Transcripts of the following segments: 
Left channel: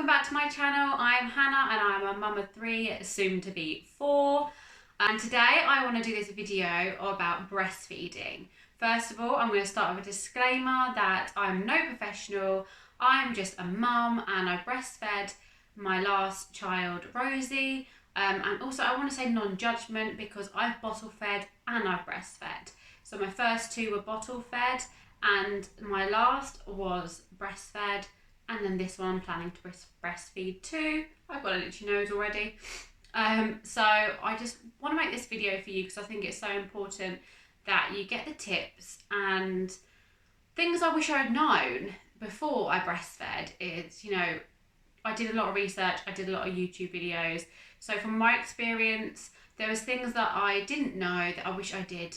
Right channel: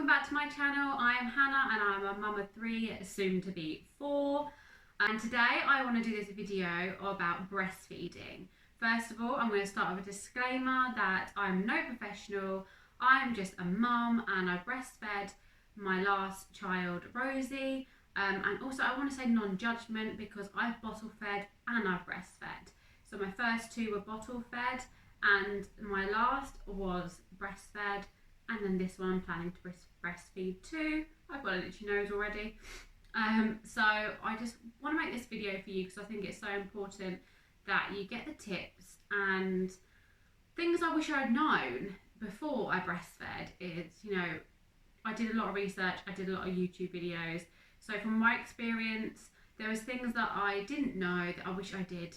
welcome back to my channel. I'm Hannah and I'm a mum of 3, soon to be 4. And today I want to do this video about breastfeeding. First of all, I'm going to start with a disclaimer that I'm no professional. I'm just a mum and I breastfed my last child, Rosie. And also I want to say non-judgment because I've bottle fed and I've breastfed. So my first 2 were bottle fed and my last was breastfed. And then this one I'm planning to breastfeed too. I've got an itchy nose already. So I just want to make this video for you because I think it's so important that you get the tips and things I wish I had known before I breastfed. Is, you know, I did a lot of research, I did a lot of YouTube videos. So from my experience, there was things that I didn't know that I wish I did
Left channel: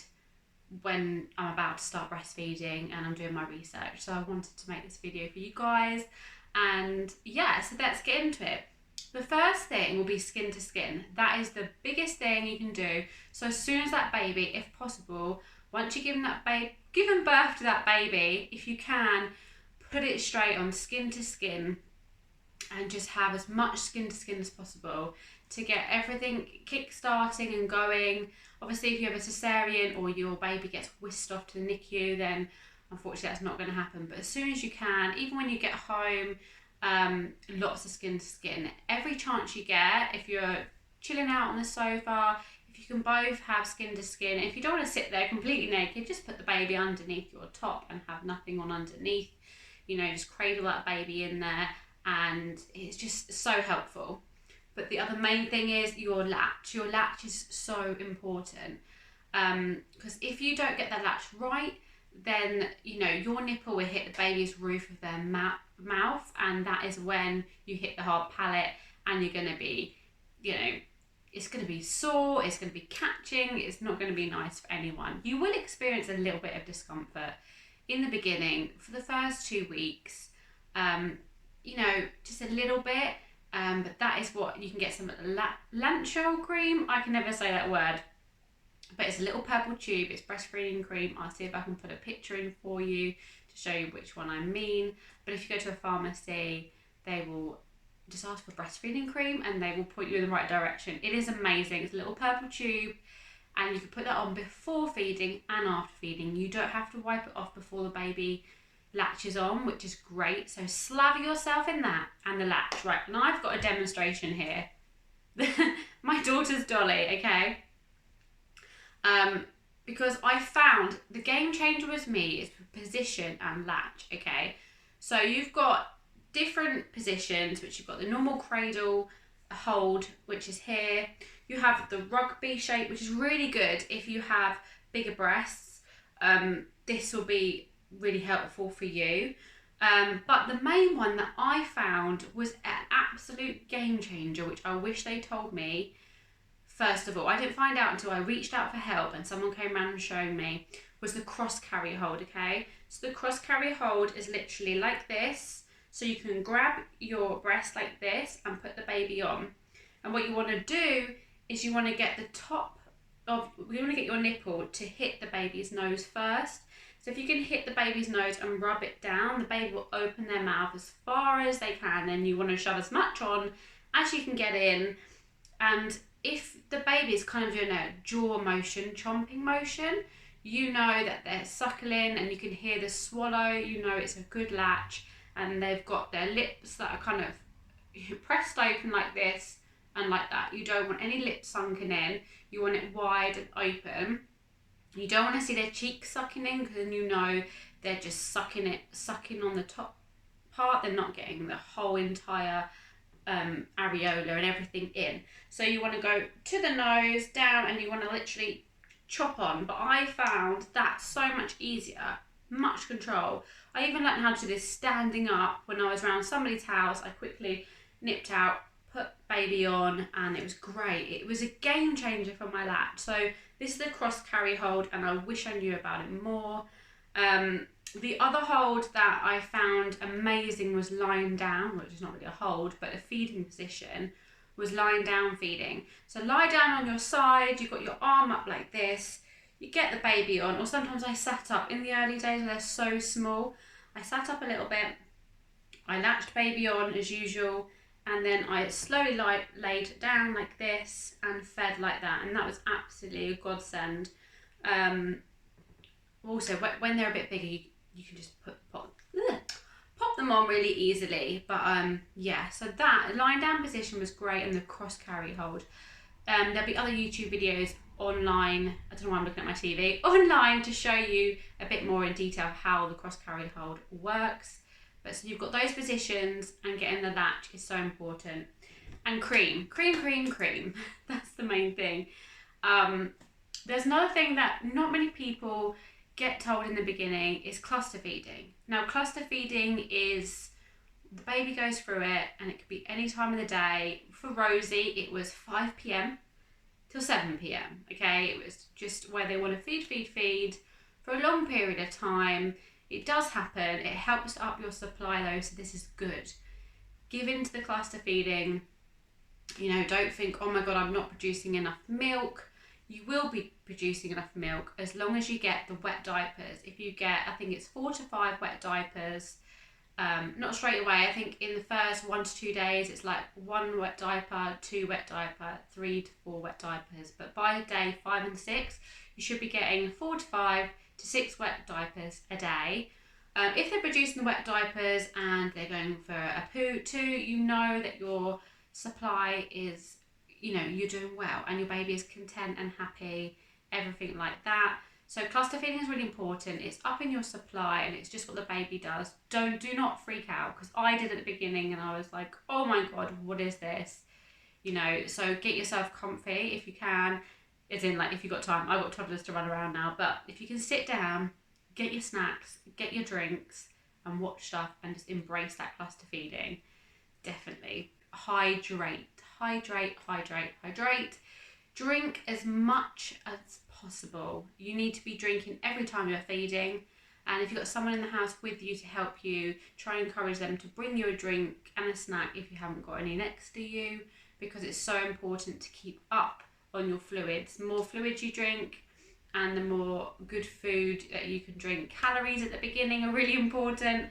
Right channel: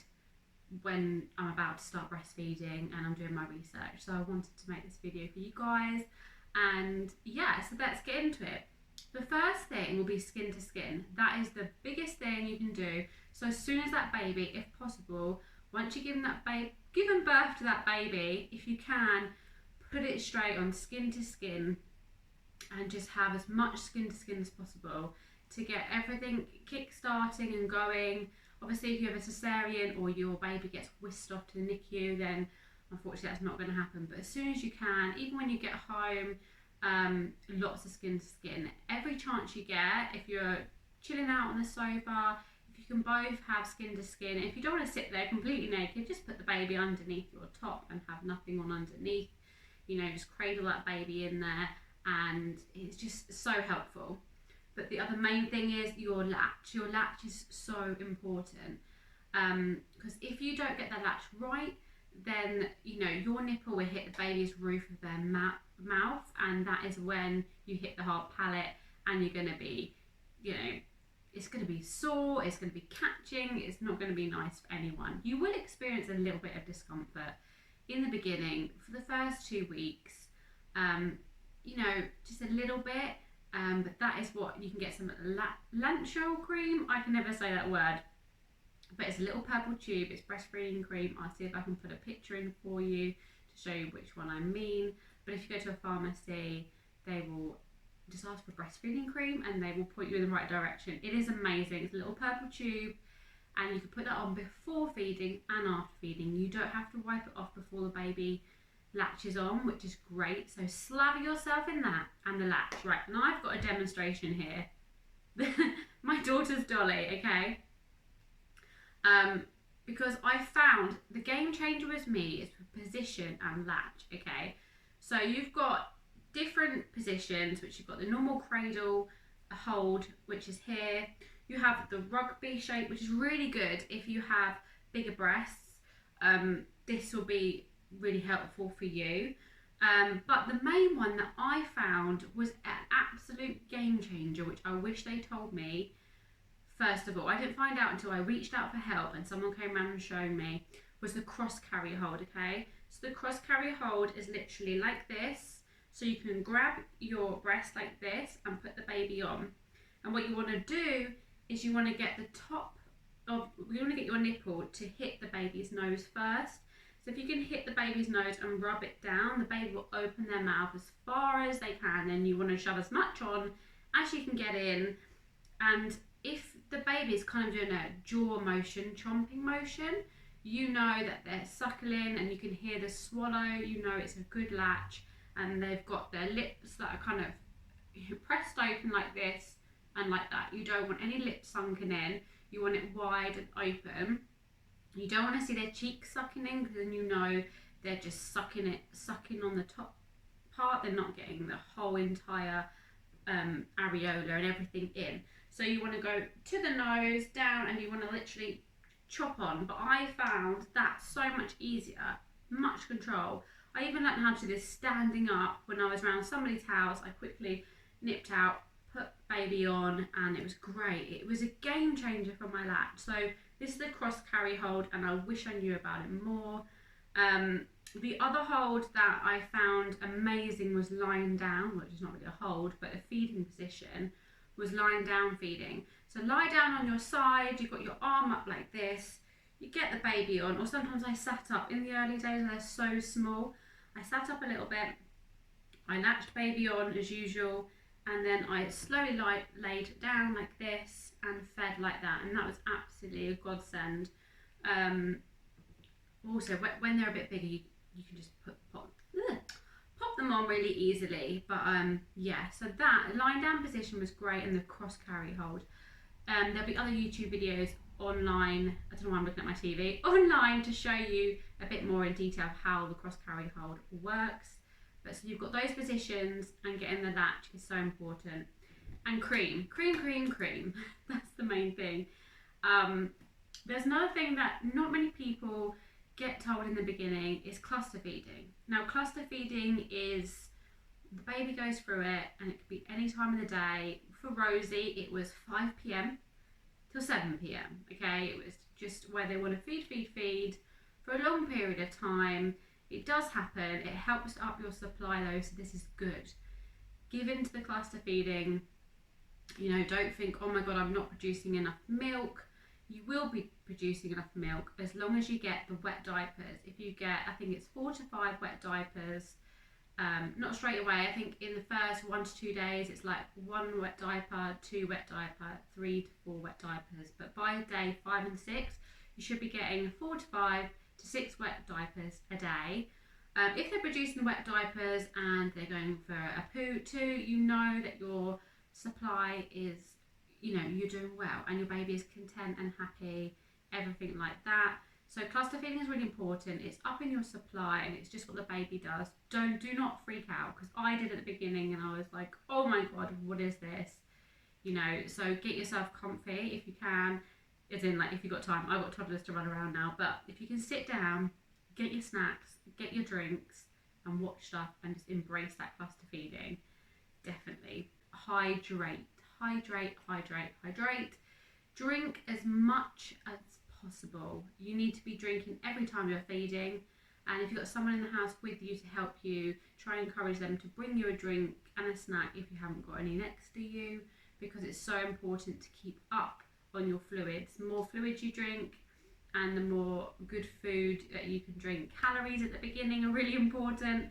when I'm about to start breastfeeding and I'm doing my research. So I wanted to make this video for you guys, and yeah, so let's get into it. The first thing will be skin to skin. That is the biggest thing you can do. So as soon as that baby, if possible, once you've given birth to that baby, if you can, put it straight on skin to skin and just have as much skin to skin as possible to get everything kick-starting and going. Obviously, if you have a cesarean or your baby gets whisked off to the NICU, then unfortunately that's not going to happen. But as soon as you can, even when you get home, lots of skin to skin. Every chance you get, if you're chilling out on the sofa, if you can both have skin to skin. If you don't want to sit there completely naked, just put the baby underneath your top and have nothing on underneath. You know, just cradle that baby in there, and it's just so helpful. But the other main thing is your latch. Your latch is so important because if you don't get the latch right, then, you know, your nipple will hit the baby's roof of their mouth, and that is when you hit the hard palate, and you're going to be, you know, it's going to be sore, it's going to be catching, it's not going to be nice for anyone. You will experience a little bit of discomfort in the beginning for the first 2 weeks, you know, just a little bit. But that is what you can get some Latch cream. I can never say that word, but it's a little purple tube. It's breastfeeding cream. I'll see if I can put a picture in for you to show you which one I mean. But if you go to a pharmacy, they will just ask for breastfeeding cream and they will point you in the right direction. It is amazing. It's a little purple tube, and you can put that on before feeding and after feeding. You don't have to wipe it off before the baby latches on, which is great. So slather yourself in that and the latch. Right, now I've got a demonstration here. My daughter's dolly, okay? Because I found the game changer with me is position and latch, okay? So you've got different positions, which you've got the normal cradle hold, which is here. You have the rugby shape, which is really good if you have bigger breasts. This will be really helpful for you, but the main one that I found was an absolute game changer, which I wish they told me. First of all, I didn't find out until I reached out for help and someone came around and showed me, was the cross carry hold. Okay, so the cross carry hold is literally like this, so you can grab your breast like this and put the baby on, and what you want to do is you want to get your nipple to hit the baby's nose first. So if you can hit the baby's nose and rub it down, the baby will open their mouth as far as they can, and you want to shove as much on as you can get in. And if the baby is kind of doing a jaw motion, chomping motion, you know that they're suckling and you can hear the swallow, you know it's a good latch, and they've got their lips that are kind of pressed open like this and like that. You don't want any lips sunken in, you want it wide and open. You don't want to see their cheeks sucking in, because then you know they're just sucking on the top part. They're not getting the whole entire areola and everything in. So you want to go to the nose, down, and you want to literally chop on. But I found that so much easier, much control. I even learned how to do this standing up when I was around somebody's house. I quickly nipped out, put baby on, and it was great. It was a game changer for my latch. So this is the cross carry hold, and I wish I knew about it more. The other hold that I found amazing was lying down, which is not really a hold, but a feeding position, was lying down feeding. So lie down on your side, you've got your arm up like this, you get the baby on, or sometimes I sat up. In the early days when they're so small, I sat up a little bit I latched baby on as usual, and then I slowly laid it down like this and fed like that, and that was absolutely a godsend. Also, when they're a bit bigger, you can just pop them on really easily. But yeah, so that lying down position was great, and the cross carry hold. There'll be other YouTube videos online, I don't know why I'm looking at my TV, online to show you a bit more in detail how the cross carry hold works. But so you've got those positions, and getting the latch is so important. And cream. That's the main thing. There's another thing that not many people get told in the beginning is cluster feeding. Now, cluster feeding is the baby goes through it, and it could be any time of the day. For Rosie, it was 5 p.m. till 7 p.m. Okay, it was just where they want to feed for a long period of time. It does happen. It helps up your supply though, so this is good. Give in to the cluster feeding. You know, don't think, oh my god, I'm not producing enough milk. You will be producing enough milk as long as you get the wet diapers. If you get, I think it's 4 to 5 wet diapers, not straight away. I think in the first 1 to 2 days, it's like 1 wet diaper, 2 wet diaper, 3 to 4 wet diapers. But by day 5 and 6, you should be getting 4 to 5 to 6 wet diapers a day. If they're producing the wet diapers and they're going for a poo too, you know that your supply is, you know, you're doing well and your baby is content and happy, everything like that. So cluster feeding is really important. It's upping your supply, and it's just what the baby does. Do not freak out, because I did at the beginning and I was like, oh my god, what is this? You know, so get yourself comfy if you can. As in, like, if you've got time. I've got toddlers to run around now, but if you can sit down, get your snacks, get your drinks, and watch stuff, and just embrace that cluster feeding. Definitely. Hydrate. Drink as much as possible. You need to be drinking every time you're feeding, and if you've got someone in the house with you to help you, try and encourage them to bring you a drink and a snack if you haven't got any next to you, because it's so important to keep up on your fluids. The more fluids you drink and the more good food that you can drink. Calories at the beginning are really important.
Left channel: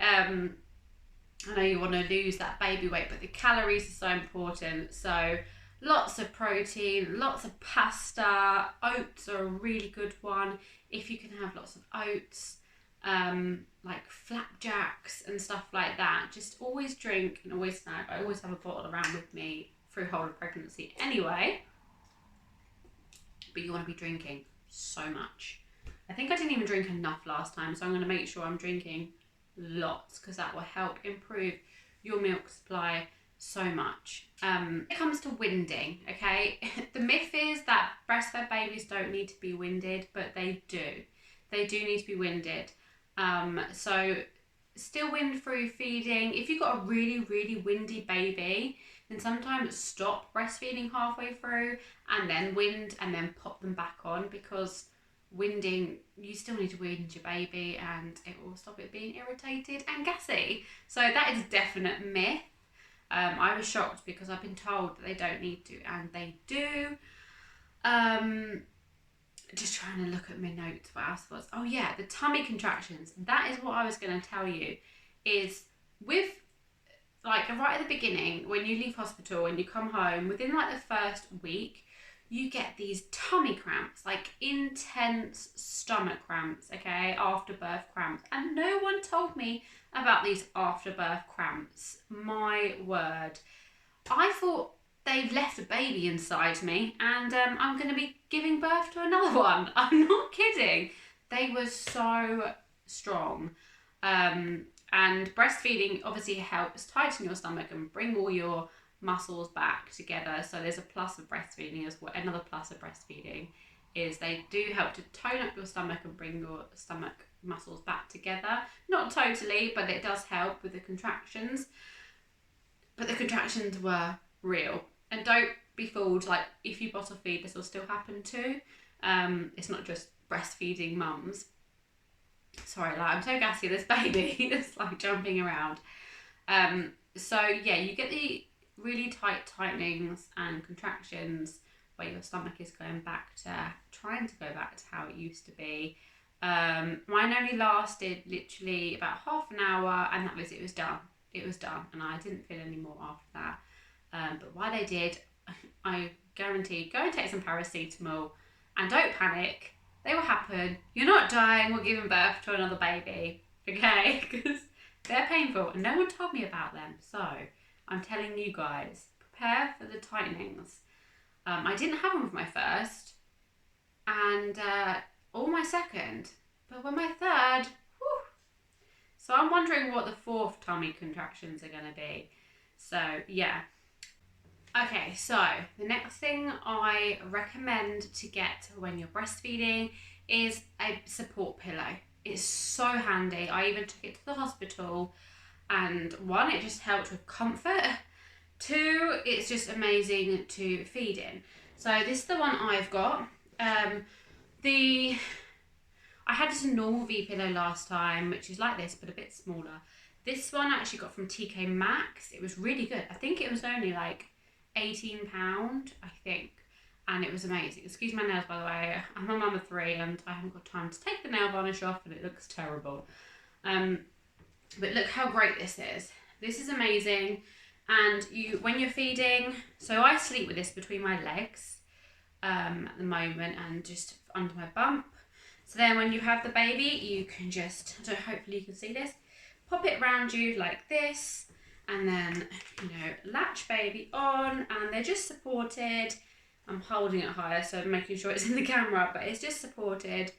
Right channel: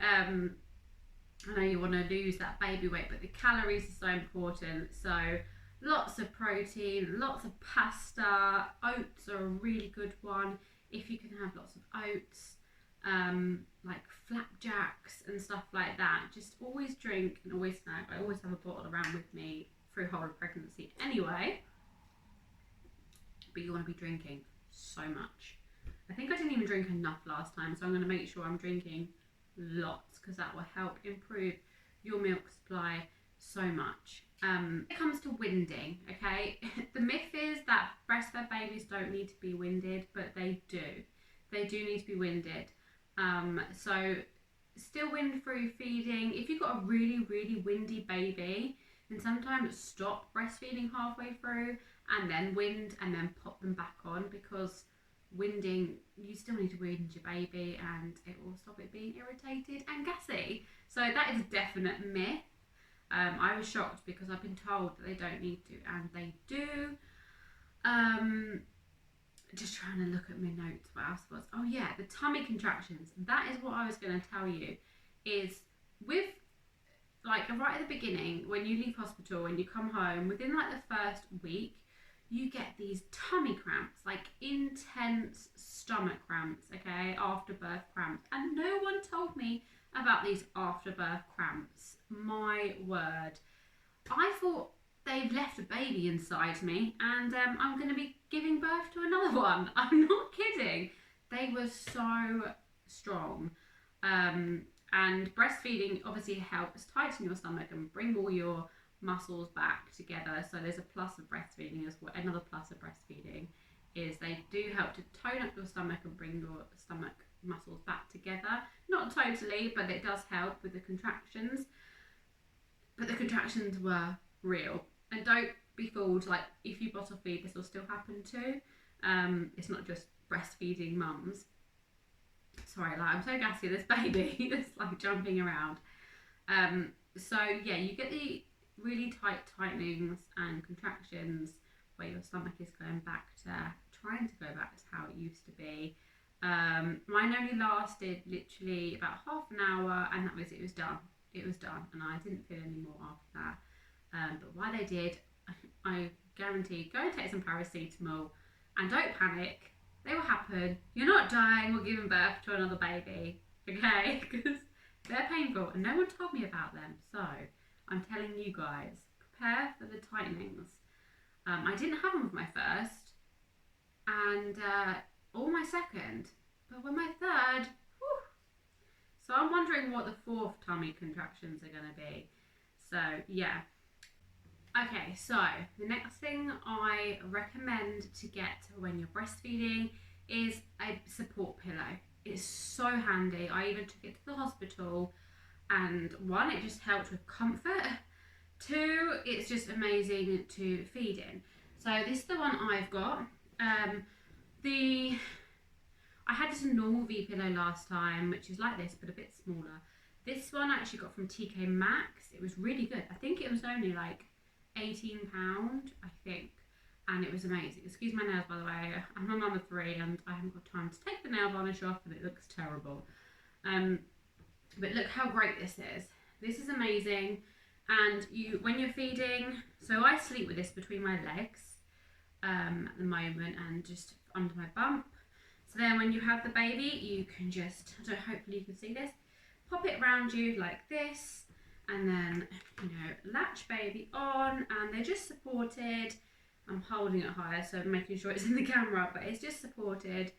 I know you want to lose that baby weight, but the calories are so important. So lots of protein, lots of pasta. Oats are a really good one if you can have lots of oats, like flapjacks and stuff like that. Just always drink and always snack. I always have a bottle around with me through whole of pregnancy anyway, but you want to be drinking so much. I think I didn't even drink enough last time, so I'm going to make sure I'm drinking lots, because that will help improve your milk supply so much. When it comes to winding, okay, the myth is that breastfed babies don't need to be winded, but they do. They do need to be winded. So still wind through feeding. If you've got a really windy baby, then sometimes stop breastfeeding halfway through and then wind and then pop them back on, because winding, you still need to wind your baby and it will stop it being irritated and gassy. So that is a definite myth. I was shocked because I've been told that they don't need to, and they do. Just trying to look at my notes, what else was? Oh yeah, the tummy contractions. That is what I was going to tell you, is with, like, right at the beginning, when you leave hospital and you come home, within like the first week, you get these tummy cramps, like intense stomach cramps, okay, after birth cramps. And no one told me about these after birth cramps. My word. I thought they've left a baby inside me and I'm going to be giving birth to another one. I'm not kidding. They were so strong. And breastfeeding obviously helps tighten your stomach and bring all your muscles back together. So there's a plus of breastfeeding as well. Another plus of breastfeeding is they do help to tone up your stomach and bring your stomach muscles back together. Not totally, but it does help with the contractions. But the contractions were real. And don't be fooled, like, if you bottle feed, this will still happen too. It's not just breastfeeding mums. Sorry, like, I'm so gassy, this baby is like jumping around. So yeah, you get the really tight tightenings and contractions where your stomach is trying to go back to how it used to be. Mine only lasted literally about half an hour, and it was done. it was done, and I didn't feel any more after that. But while they did, I guarantee, go and take some paracetamol and don't panic. They will happen. You're not dying or giving birth to another baby, okay? Because they're painful and no one told me about them. So I'm telling you guys, prepare for the tightenings. I didn't have them with my first and or my second, but with my third, whew. So I'm wondering what the fourth tummy contractions are going to be. So yeah. Okay, so the next thing I recommend to get when you're breastfeeding is a support pillow. It's so handy. I even took it to the hospital, and one, it just helped with comfort. Two, it's just amazing to feed in. So this is the one I've got. I had just a normal V pillow last time, which is like this but a bit smaller. This one I actually got from TK Maxx. It was really good. I think it was only like £18, I think, and it was amazing. Excuse my nails, by the way. I'm a mum of 3 and I haven't got time to take the nail varnish off, and it looks terrible. But look how great this is. This is amazing. And when you're feeding, so I sleep with this between my legs at the moment and just under my bump. So then when you have the baby, you can just, hopefully you can see this, pop it around you like this, and then, latch baby on, and they're just supported. I'm holding it higher, so making sure it's in the camera, but it's just supported.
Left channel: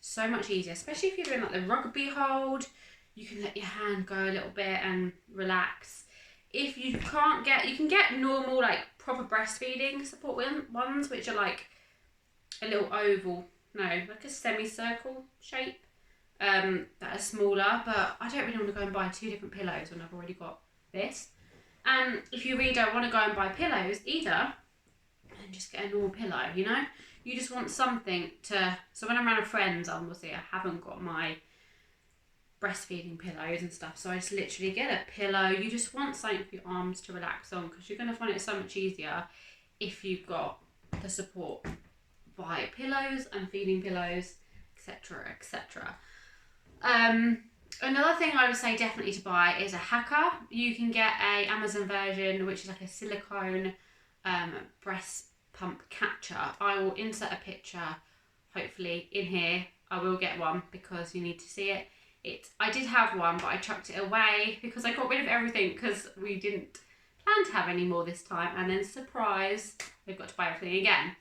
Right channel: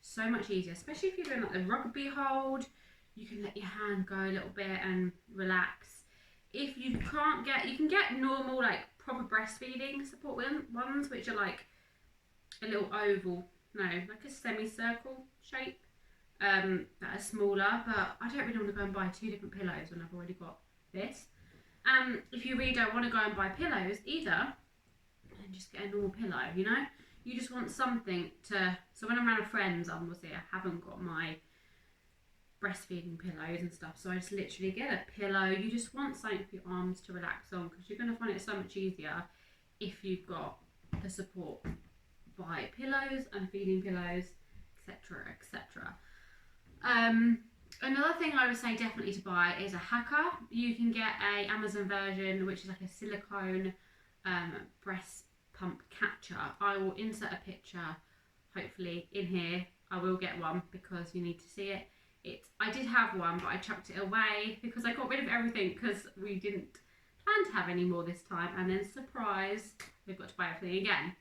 So much easier, especially if you're doing like the rugby hold. You can let your hand go a little bit and relax. If you can't get, you can get normal, like proper breastfeeding support ones, which are like a little oval, like a semicircle shape, that are smaller, but I don't really want to go and buy 2 different pillows when I've already got this. And if you really don't want to go and buy pillows either, and just get a normal pillow, you just want something to, so when I'm around friends, obviously I haven't got my breastfeeding pillows and stuff, so I just literally get a pillow. You just want something for your arms to relax on, because you're going to find it so much easier if you've got the support by pillows and feeding pillows, etc, etc. Another thing I would say definitely to buy is a hacker. You can get a Amazon version, which is like a silicone breast pump catcher. I will insert a picture, hopefully, in here. I will get one because you need to see it. I did have one, but I chucked it away because I got rid of everything because we didn't plan to have any more this time. And then, surprise, we've got to buy everything again.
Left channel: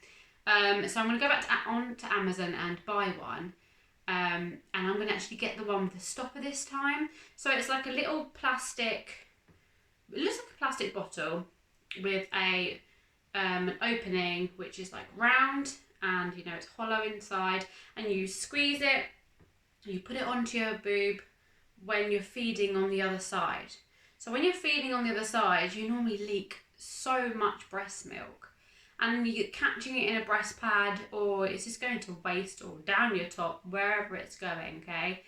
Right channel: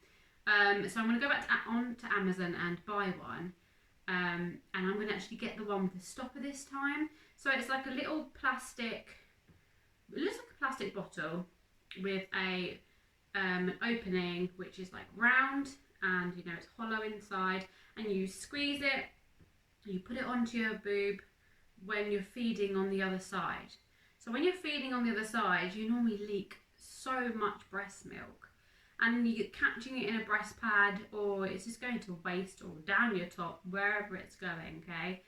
So I'm going to go back to Amazon and buy one. And I'm going to actually get the one with the stopper this time. So it's like a little plastic, it looks like a plastic bottle with an opening which is like round, and it's hollow inside, and you squeeze it, you put it onto your boob when you're feeding on the other side. So when you're feeding on the other side, you normally leak so much breast milk, and you're catching it in a breast pad, or it's just going to waist or down your top, wherever it's going, okay?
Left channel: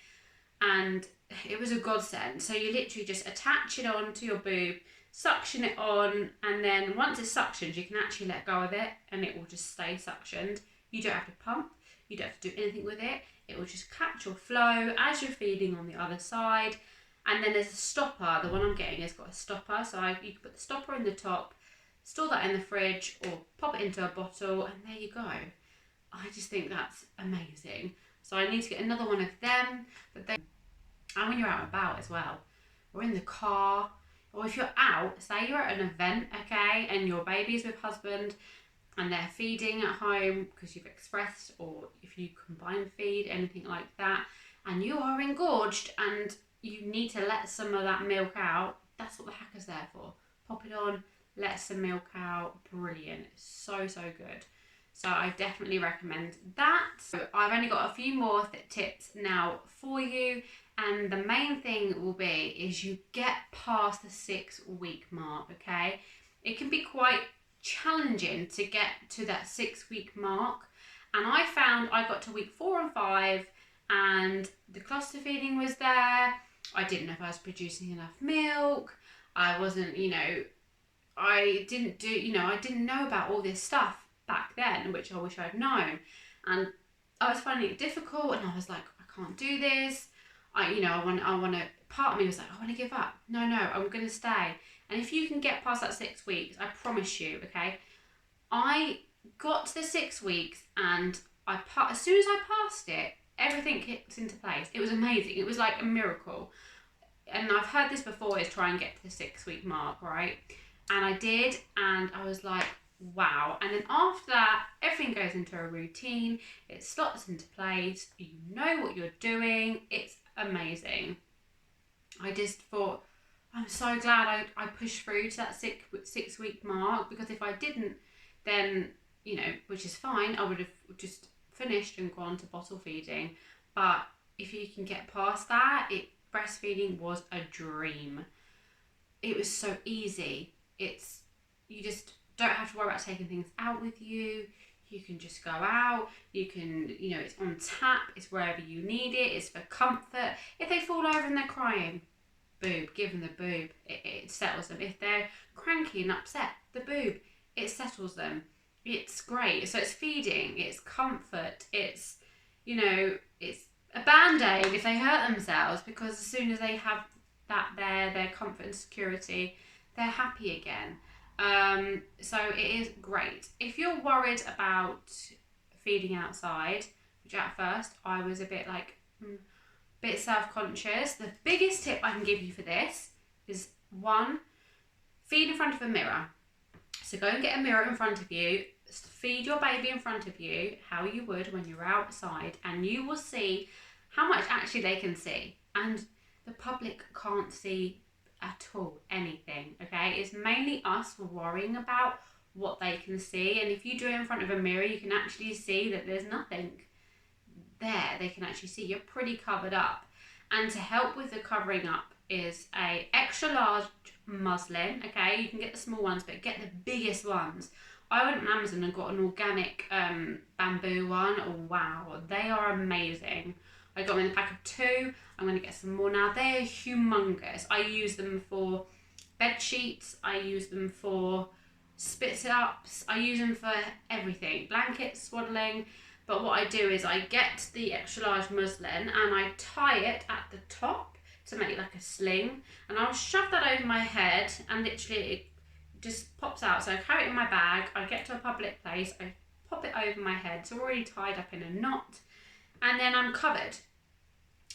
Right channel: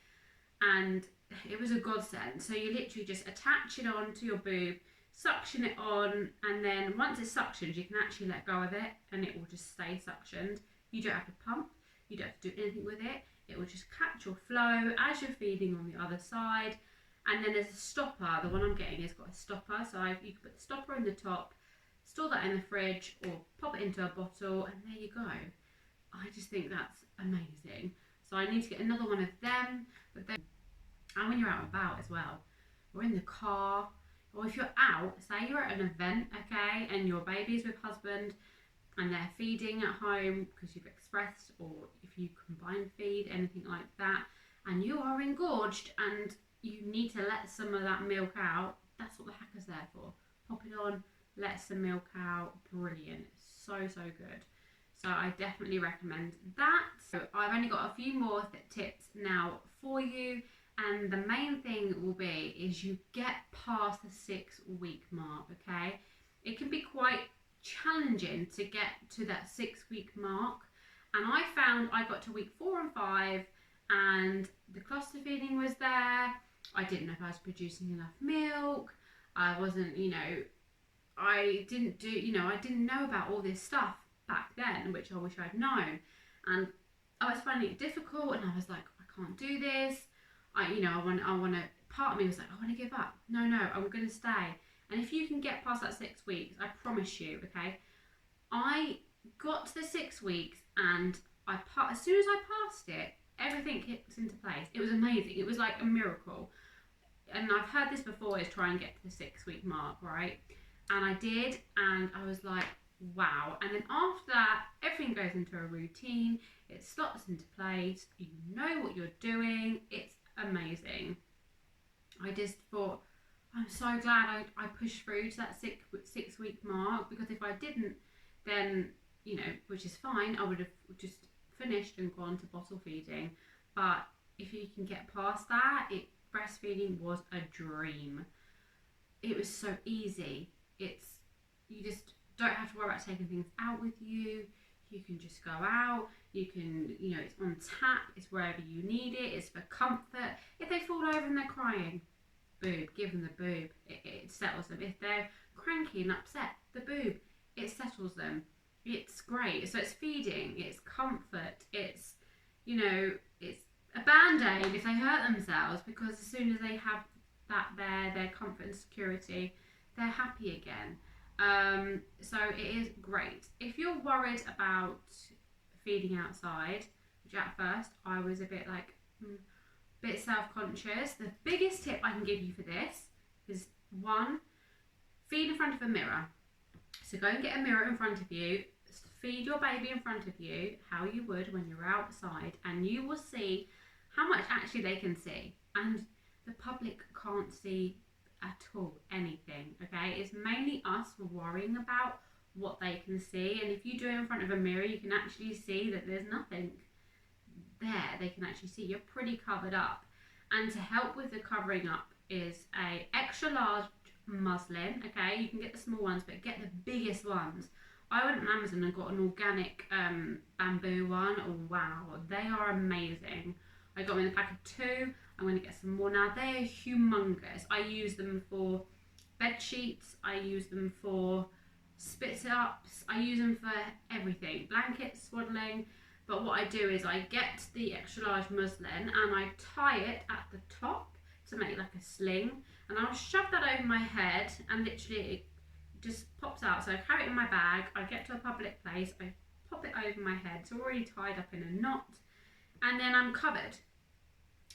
And it was a godsend. So you literally just attach it onto your boob, suction it on, and then once it's suctioned, you can actually let go of it and it will just stay suctioned. You don't have to pump, you don't have to do anything with it. It will just catch your flow as you're feeding on the other side. And then there's a stopper. The one I'm getting has got a stopper, so you can put the stopper in the top, store that in the fridge, or pop it into a bottle, and there you go. I just think that's amazing. So I need to get another one of them. But then, and when you're out and about as well, or in the car, or if you're out, say you're at an event, okay, and your baby's with husband, and they're feeding at home because you've expressed, or if you combine feed, anything like that, and you are engorged and you need to let some of that milk out, that's what the hacker's there for. Pop it on, let some milk out. Brilliant. So good. So I definitely recommend that. So I've only got a few more tips now for you, and the main thing will be is you get past the 6-week mark, okay? It can be quite challenging to get to that 6-week mark, and I found I got to week 4 and 5 and the cluster feeding was there. I didn't know if I was producing enough milk. I wasn't, I didn't know about all this stuff back then, which I wish I'd known. And I was finding it difficult, and I was like, I can't do this. I want to part of me was like, I want to give up. No, I'm going to stay. And if you can get past that 6 weeks, I promise you, okay, I got to the 6 weeks and as soon as I passed it, everything kicked into place. It was amazing. It was like a miracle. And I've heard this before, is try and get to the 6 week mark, right? And I did, and I was like, wow. And then after that, everything goes into a routine. It slots into place. You know what you're doing. It's amazing. I just thought, I'm so glad I pushed through to that 6 week mark, because if I didn't, then, you know, which is fine, I would have just finished and gone to bottle feeding. But if you can get past that, breastfeeding was a dream. It was so easy. You just don't have to worry about taking things out with you. You can just go out. You can, you know, it's on tap. It's wherever you need it. It's for comfort. If they fall over and they're crying, boob, give them the boob. It settles them. If they're cranky and upset, the boob, it settles them. It's great. So it's feeding. It's comfort. It's, you know, it's a band-aid if they hurt themselves, because as soon as they have that there, their comfort and security, they're happy again. So it is great. If you're worried about feeding outside, which at first I was a bit like, bit self-conscious, the biggest tip I can give you for this is 1, feed in front of a mirror. So go and get a mirror in front of you, feed your baby in front of you how you would when you're outside, and you will see how much actually they can see. And the public can't see at all anything, okay? It's mainly us worrying about what they can see. And if you do it in front of a mirror, you can actually see that there's nothing there. They can actually see you're pretty covered up. And to help with the covering up is a extra large muslin, okay? You can get the small ones, but get the biggest ones. I went on Amazon and got an organic bamboo one. Oh wow, they are amazing. I got them in a pack of 2. I'm going to get some more now. They're humongous. I use them for bed sheets. I use them for spit-ups. I use them for everything. Blankets, swaddling. But what I do is I get the extra large muslin and I tie it at the top to make like a sling. And I'll shove that over my head and literally it just pops out. So I carry it in my bag. I get to a public place. I pop it over my head. It's already tied up in a knot. And then I'm covered.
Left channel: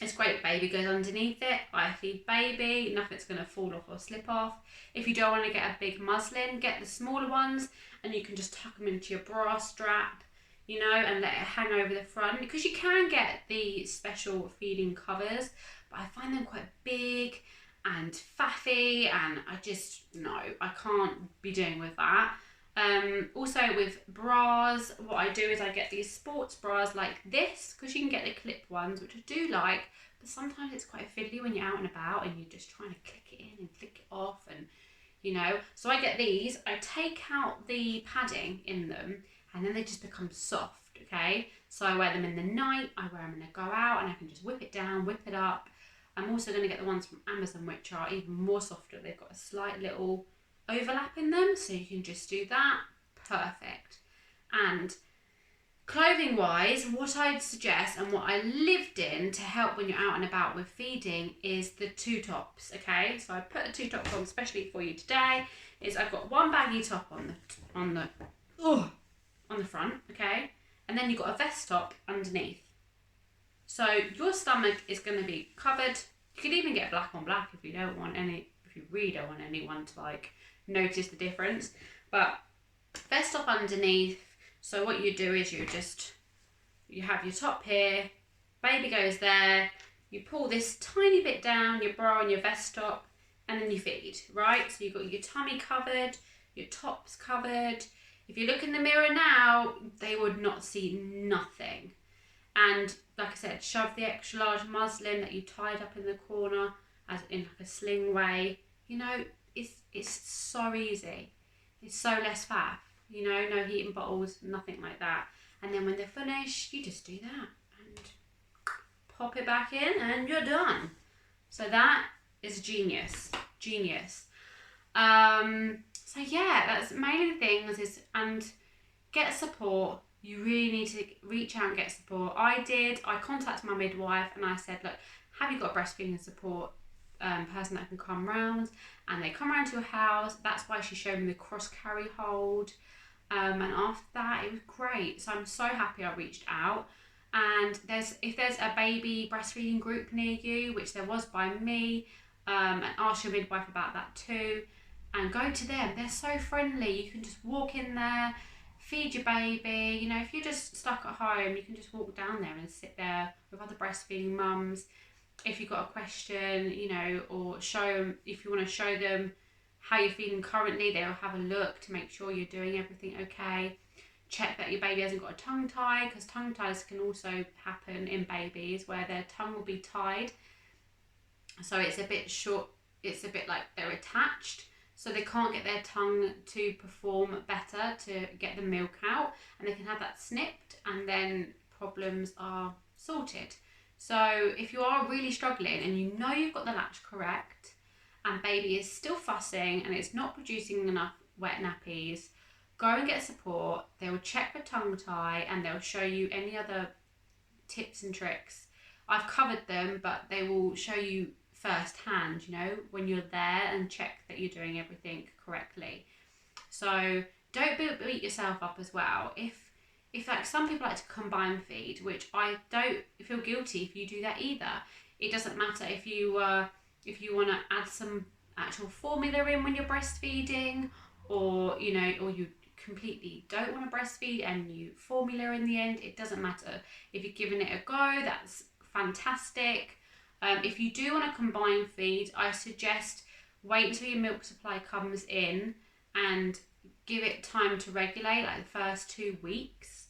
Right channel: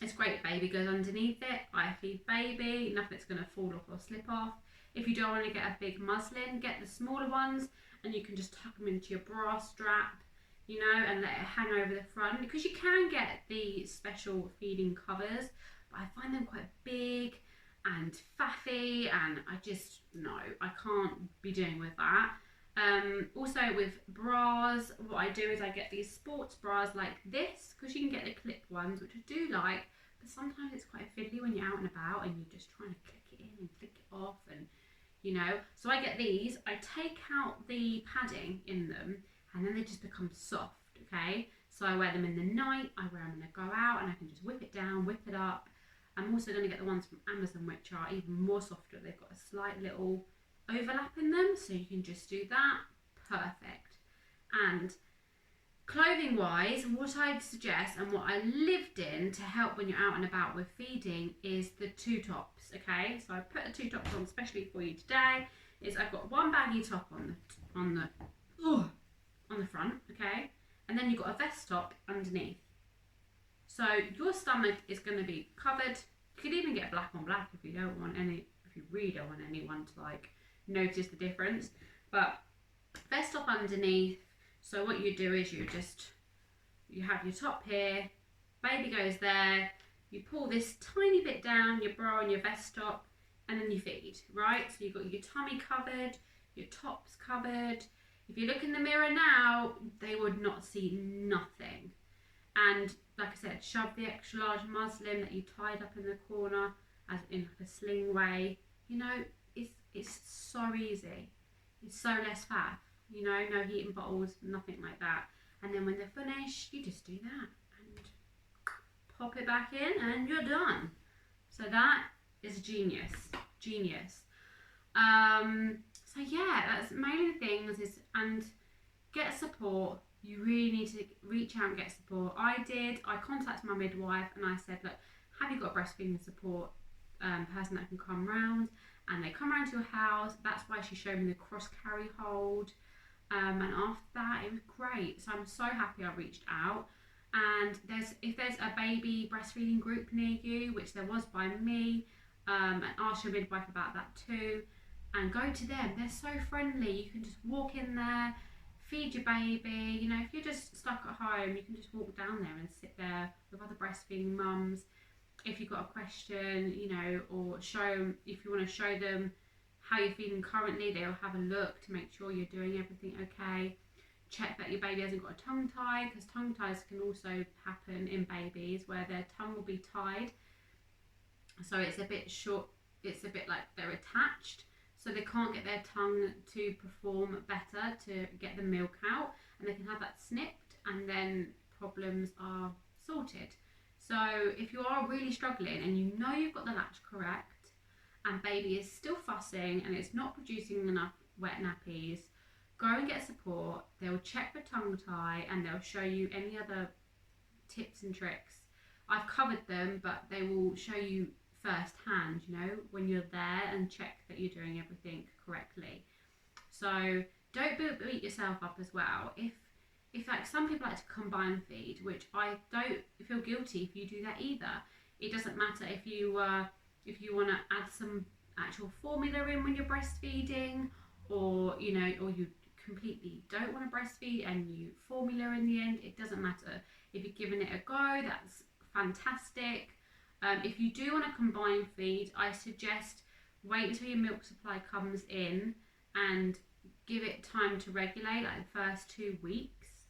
It's great. Baby goes underneath it. I feed baby. Nothing's going to fall off or slip off. If you don't want to get a big muslin, get the smaller ones and you can just tuck them into your bra strap, you know, and let it hang over the front, because you can get the special feeding covers, but I find them quite big and faffy, and I can't be doing with that. Also with bras, what I do is I get these sports bras like this, because you can get the clip ones, which I do like, but sometimes it's quite fiddly when you're out and about and you're just trying to click it in and click it off, and you know, so I get these. I take out the padding in them and then they just become soft, okay? So I wear them in the night, I wear them when I go out, and I can just whip it down, whip it up. I'm also going to get the ones from Amazon, which are even more softer. They've got a slight little overlap in them, so you can just do that. Perfect. And clothing wise, what I'd suggest and what I lived in to help when you're out and about with feeding is the 2 tops, okay? So I put the 2 tops on especially for you today. I've got one baggy top on the front, okay? And then you've got a vest top underneath. So your stomach is going to be covered. You could even get black on black if you really don't want anyone to like notice the difference. But vest top underneath. So what you do is you have your top here, baby goes there, you pull this tiny bit down, your bra and your vest top, and then you feed, right? So you've got your tummy covered, your top's covered. If you look in the mirror now, they would not see nothing. And like I said, shove the extra large muslin that you tied up in the corner as in like a sling way. You know, it's so easy. It's so less faff. You know, no heating bottles, nothing like that. And then when they're finished, you just do that and pop it back in and you're done. So that is genius. So yeah, that's mainly the things and get support. You really need to reach out and get support. I contacted my midwife and I said, look, have you got breastfeeding support? person that can come round, and they come round to your house. That's why she showed me the cross carry hold. And after that, it was great. So I'm so happy I reached out. And if there's a baby breastfeeding group near you, which there was by me, and ask your midwife about that too, and go to them. They're so friendly. You can just walk in there, feed your baby. You know, if you're just stuck at home, you can just walk down there and sit there with other breastfeeding mums. If you've got a question, you know, or show them, if you want to show them how you're feeling currently, they'll have a look to make sure you're doing everything okay. Check that your baby hasn't got a tongue tie, because tongue ties can also happen in babies where their tongue will be tied. So it's a bit short, it's a bit like they're attached, so they can't get their tongue to perform better to get the milk out, and they can have that snipped and then problems are sorted. So if you are really struggling and you know you've got the latch correct and baby is still fussing and it's not producing enough wet nappies, go and get support. They will check the tongue tie and they'll show you any other tips and tricks. I've covered them, but they will show you firsthand, you know, when you're there, and check that you're doing everything correctly. So don't beat yourself up as well. If like some people like to combine feed, which I don't feel guilty if you do that either. It doesn't matter if you want to add some actual formula in when you're breastfeeding, or you know, or you completely don't want to breastfeed and you formula in the end. It doesn't matter. If you're giving it a go, that's fantastic. If you do want to combine feed, I suggest wait until your milk supply comes in and give it time to regulate, like the first 2 weeks.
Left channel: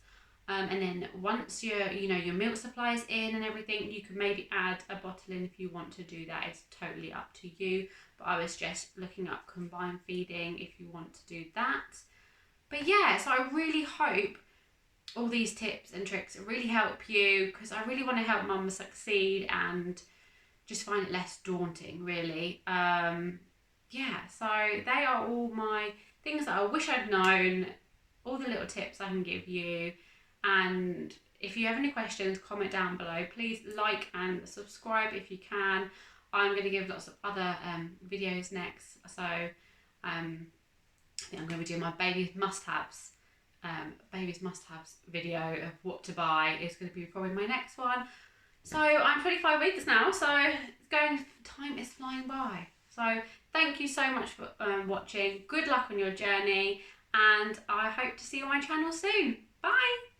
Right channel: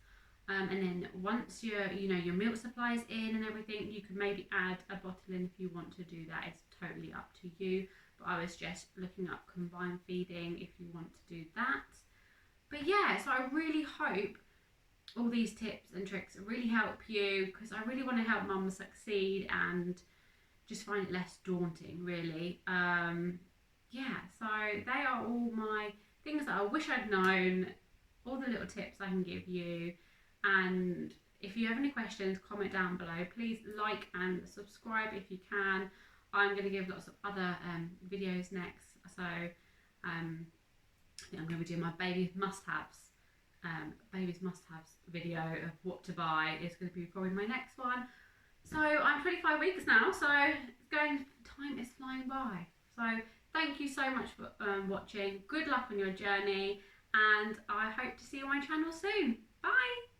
And then once your milk supply is in and everything, you can maybe add a bottle in if you want to do that. It's totally up to you. But I was just looking up combined feeding if you want to do that. But yeah, so I really hope all these tips and tricks really help you, because I really want to help mums succeed and just find it less daunting, really. Yeah, so they are all my things that I wish I'd known, all the little tips I can give you. And if you have any questions, comment down below. Please like and subscribe if you can. I'm going to give lots of other videos next. So I think I'm going to be doing my baby's must-haves video of what to buy. Is going to be probably my next one. So I'm 25 weeks now, so time is flying by. So thank you so much for watching. Good luck on your journey, and I hope to see you on my channel soon. Bye!